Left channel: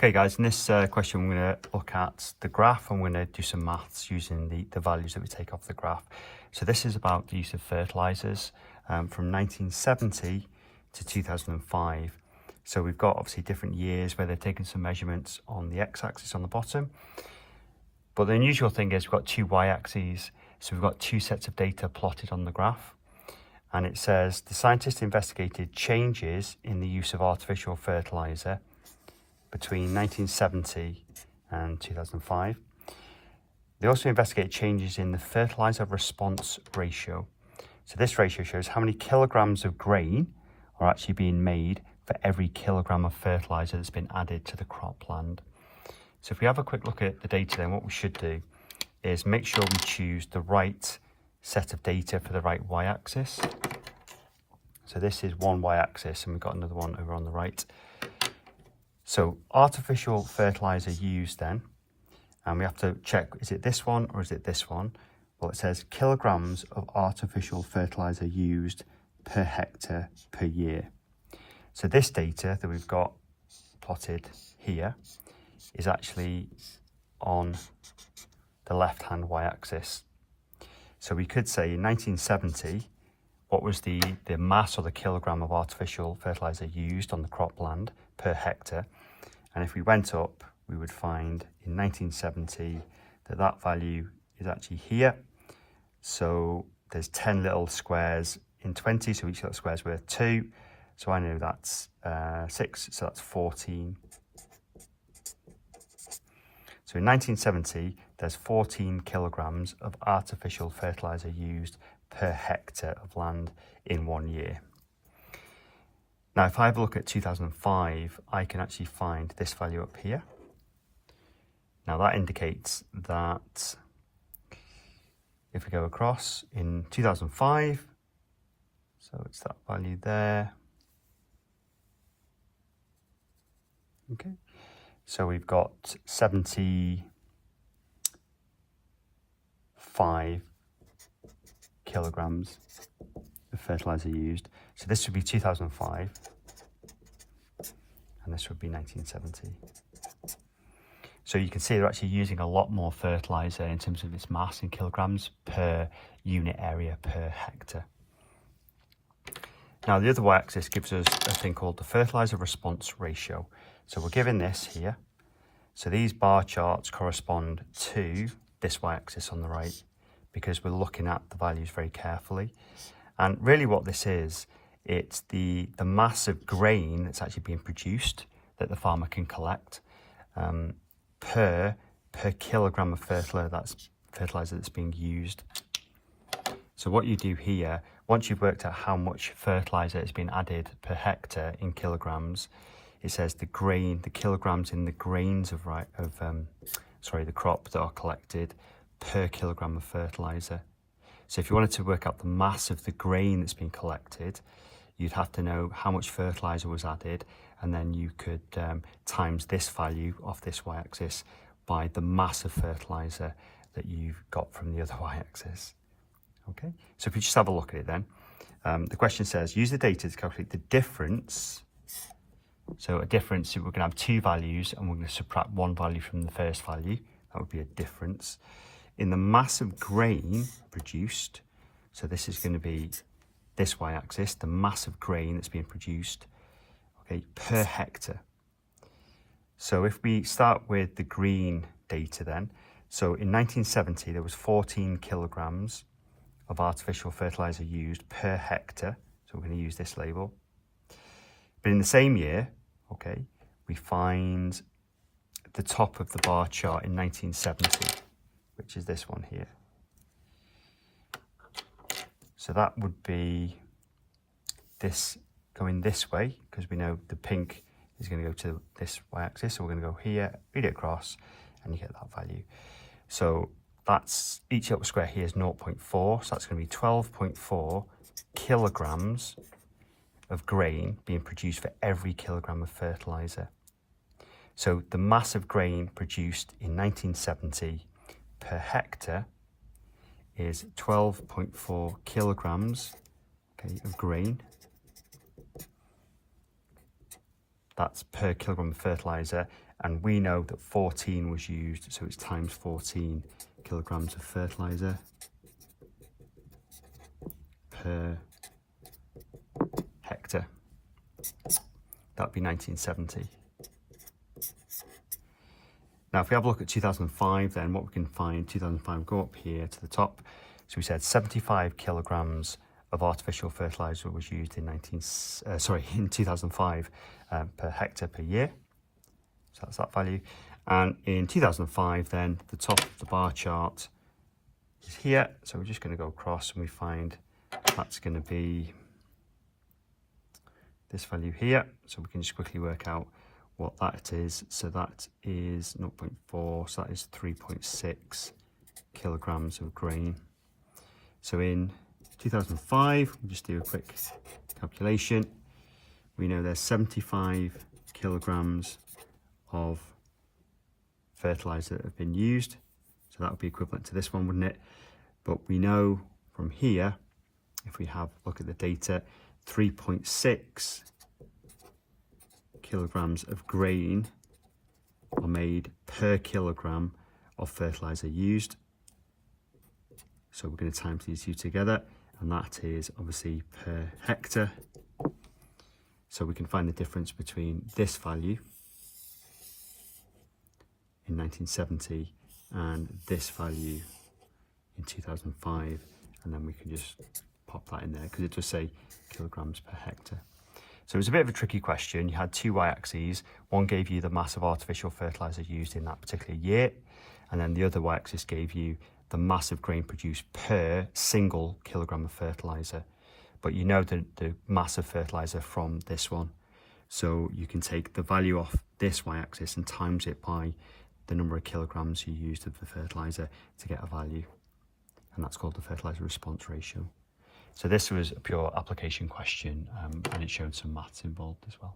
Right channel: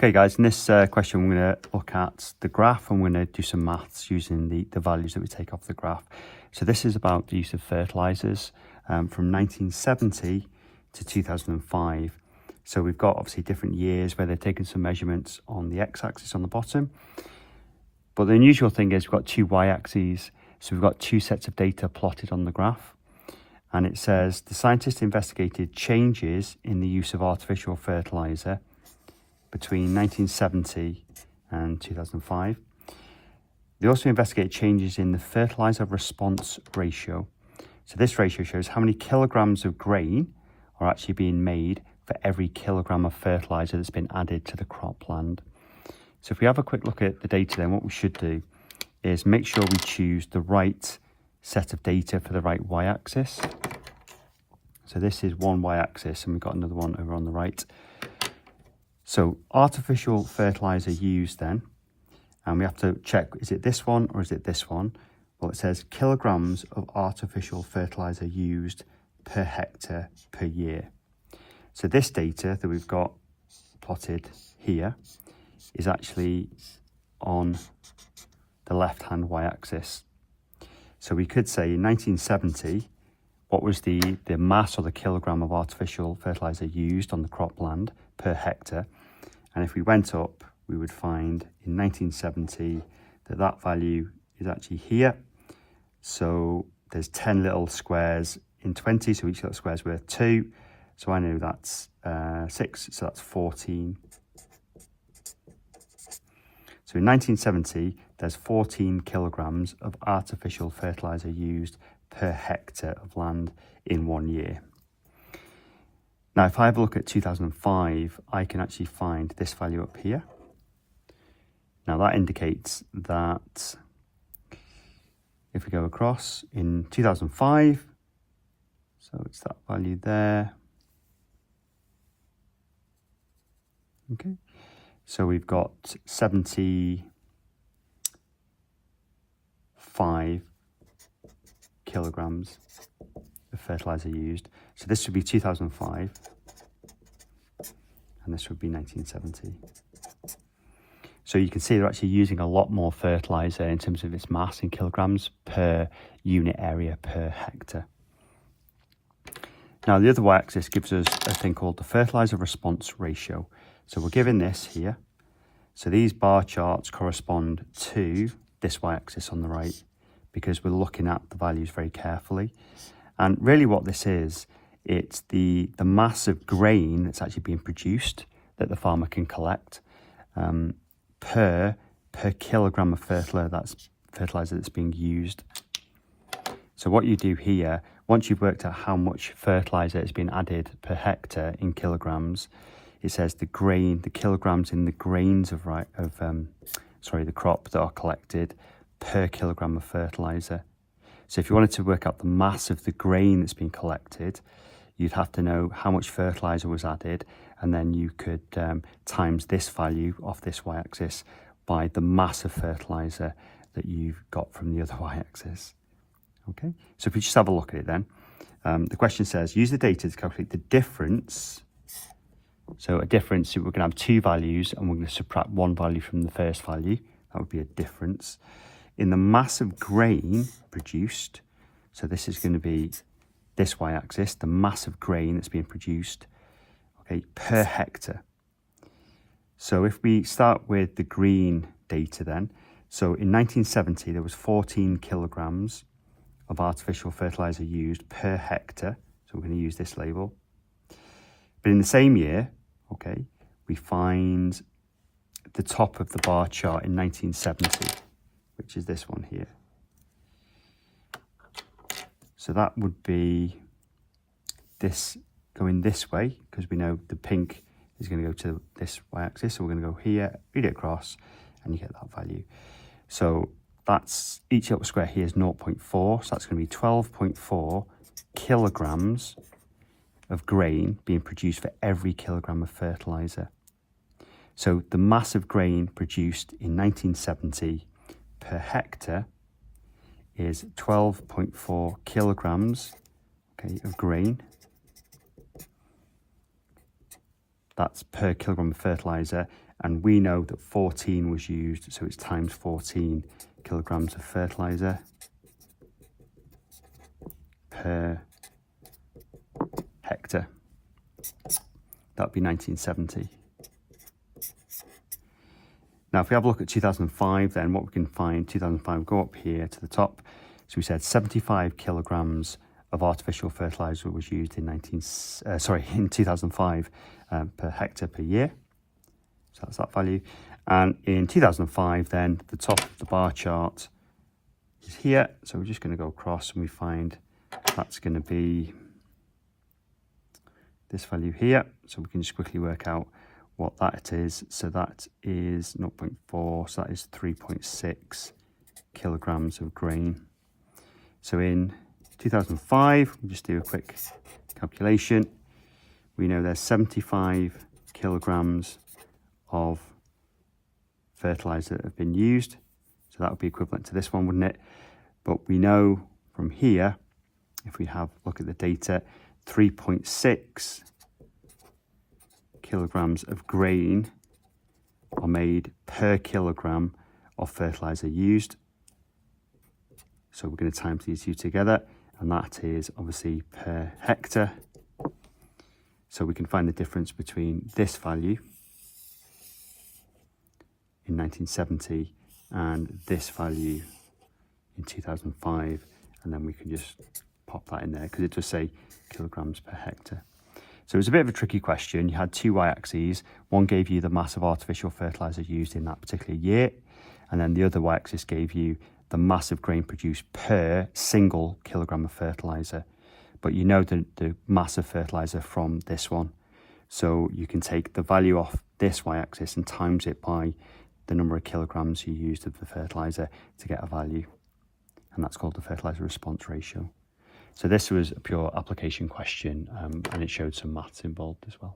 Okay guys, in this question we're going to look at the graph and we're going to do some maths using the values that we take off the graph. So this is about the use of fertilisers from 1970 to 2005. So we've got obviously different years where they've taken some measurements on the x-axis on the bottom. But the unusual thing is we've got two y-axes. So we've got two sets of data plotted on the graph. And it says the scientists investigated changes in the use of artificial fertiliser between 1970 and 2005. They also investigated changes in the fertiliser response ratio. So this ratio shows how many kilograms of grain are actually being made for every kilogram of fertiliser that's been added to the cropland. So if we have a quick look at the data, then what we should do is make sure we choose the right set of data for the right y-axis. So this is one y-axis and we've got another one over on the right. So artificial fertiliser used then, and we have to check, is it this one or is it this one? Well, it says kilograms of artificial fertiliser used per hectare per year. So this data that we've got plotted here is actually on the left-hand y-axis. So we could say in 1970, what was the mass or the kilogram of artificial fertiliser used on the cropland per hectare? And if we went up, we would find in 1970 that that value is actually here. So there's 10 little squares in 20, so each little square is worth 2. So I know that's 6, so that's 14. So in 1970, there's 14 kilograms of artificial fertiliser used per hectare of land in 1 year. Now, if I have a look at 2005, I can actually find this value up here. Now that indicates that if we go across in 2005, so it's that value there. Okay, so we've got 75 kilograms of fertiliser used. So this would be 2005 and this would be 1970. So you can see they're actually using a lot more fertiliser in terms of its mass in kilograms per unit area per hectare. Now the other y-axis gives us a thing called the fertiliser response ratio. So we're given this here. So these bar charts correspond to this y-axis on the right because we're looking at the values very carefully. And really what this is, it's the mass of grain that's actually being produced that the farmer can collect per kilogram of fertiliser that's being used. So what you do here, once you've worked out how much fertiliser is being added per hectare in kilograms, it says the kilograms in the grains of the crop that are collected per kilogram of fertiliser. So if you wanted to work out the mass of the grain that's been collected, you'd have to know how much fertiliser was added, and then you could times this value off this y-axis by the mass of fertiliser that you've got from the other y-axis. Okay, so if we just have a look at it then, the question says, use the data to calculate the difference. So a difference, we're going to have two values and we're going to subtract one value from the first value. That would be a difference in the mass of grain produced. So this is going to be this y-axis, the mass of grain that's being produced, okay, per hectare. So if we start with the green data then, so in 1970 there was 14 kilograms of artificial fertiliser used per hectare. So we're going to use this label. But in the same year, okay, we find the top of the bar chart in 1970, which is this one here. So that would be this going this way, because we know the pink is going to go to this y-axis. So we're going to go here, read it across, and you get that value. So that's, each little square here is 0.4, so that's going to be 12.4 kilograms of grain being produced for every kilogram of fertiliser. So the mass of grain produced in 1970 per hectare is 12.4 kilograms, okay, of grain. That's per kilogram of fertiliser, and we know that 14 was used, so it's times 14 kilograms of fertiliser per hectare. That'd be 1970. Now, if we have a look at 2005, then what we can find, 2005, go up here to the top. So we said 75 kilograms of artificial fertiliser was used in 2005 per hectare per year. So that's that value. And in 2005, then the top of the bar chart is here. So we're just going to go across and we find that's going to be this value here. So we can just quickly work out what that is. So that is 0.4, so that is 3.6 kilograms of grain. So in 2005, we'll just do a quick calculation. We know there's 75 kilograms of fertiliser that have been used. So that would be equivalent to this one, wouldn't it? But we know from here, if we have a look at the data, 3.6 kilograms of grain are made per kilogram of fertiliser used. So we're going to times these two together, and that is obviously per hectare. So we can find the difference between this value in 1970 and this value in 2005, and then we can just pop that in there because it does say kilograms per hectare. So it was a bit of a tricky question. You had two y-axes. One gave you the mass of artificial fertiliser used in that particular year, and then the other y-axis gave you the mass of grain produced per single kilogram of fertiliser. But you know the mass of fertiliser from this one. So you can take the value off this y-axis and times it by the number of kilograms you used of the fertiliser to get a value. And that's called the fertiliser response ratio. So this was a pure application question, and it showed some maths involved as well.